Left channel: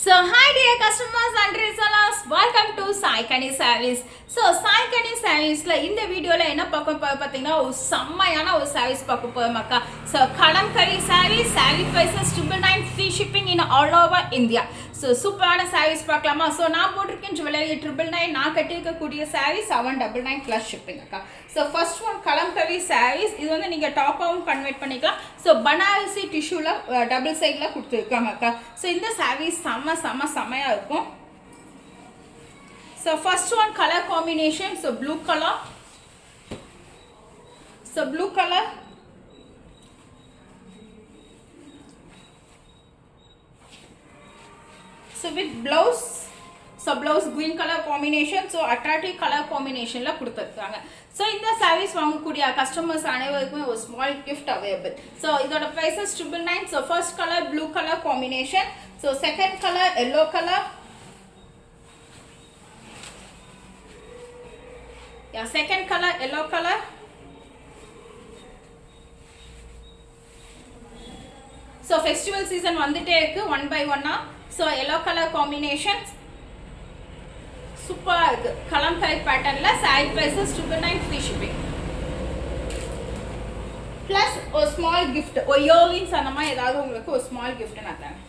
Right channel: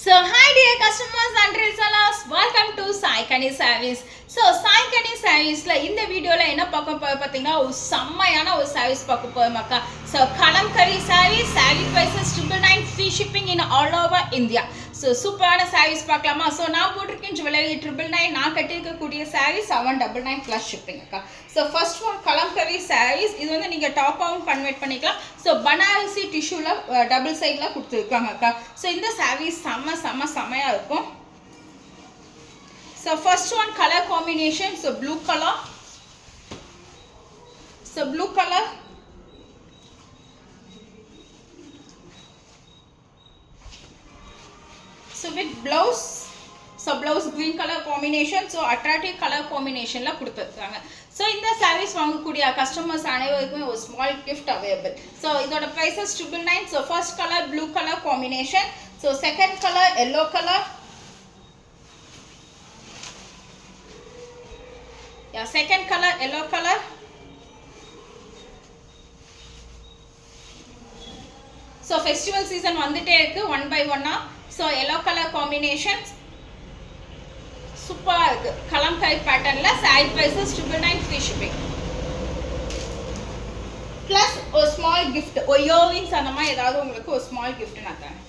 So hi dear customers and resellers, welcome to Sai Kani Sarees. So Sai Kani Sarees la இந்த வீடியோல என்ன பார்க்க பாத்தீங்கன்னா ஒரு செம்மையான ஒரு sarees பார்க்க போறோம்க்கா. So kalamkari sarees, saree prices 999, free shipping in all over India. So சூப்பரான sarees பார்க்கலாமா. So நான் போட்டிருக்கேன் ஜுவல்லரி 999, நான் கட்டியிருக்க கூடிய sarees 799 plus shipping அக்கா. So first one kalamkari sarees, இது வந்து நீங்க டாப்பாவும் கன்வெர்ட் பண்ணிக்கலாம். So பனாரசி டிஷ்யூல டபுள் சைடுல கொடுத்துருக்காங்க அக்கா. So இந்த sarees செமையா இருக்கும். So first one color combination, so blue color, so blue color, so with blouse, so blouse green color combination, so attractive color combination la கொடுத்திருக்காங்க. So இந்த sarees வாங்கக்கூடிய customers அனைவருக்குமே ஒரு small gift available. So இதோட prices 999. So first color blue color combination, so second color yellow color, yeah, second color yellow color, so festival season வந்துட்டே இருக்கு one by one. So yellow color combinations சூப்பரா இருக்கு. கலம்காரி பேட்டர்ன்ல saree prices 999, free shipping plus ஒரு small gift, ஒரு earrings அந்த மாதிரி ஏதாவது உங்களுக்கு ஒரு small gift நான் தரேன்.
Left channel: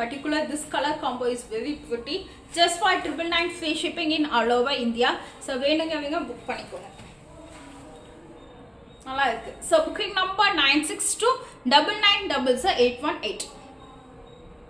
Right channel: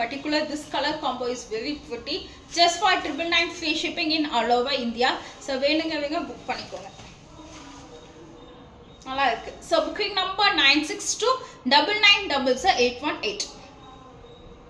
Particular this color combo is very pretty, just for 999, free shipping in all over India. So வேணுங்கவங்க புக் பண்ணிக்கோங்க, நல்லா இருக்கு. So booking number 9629900818.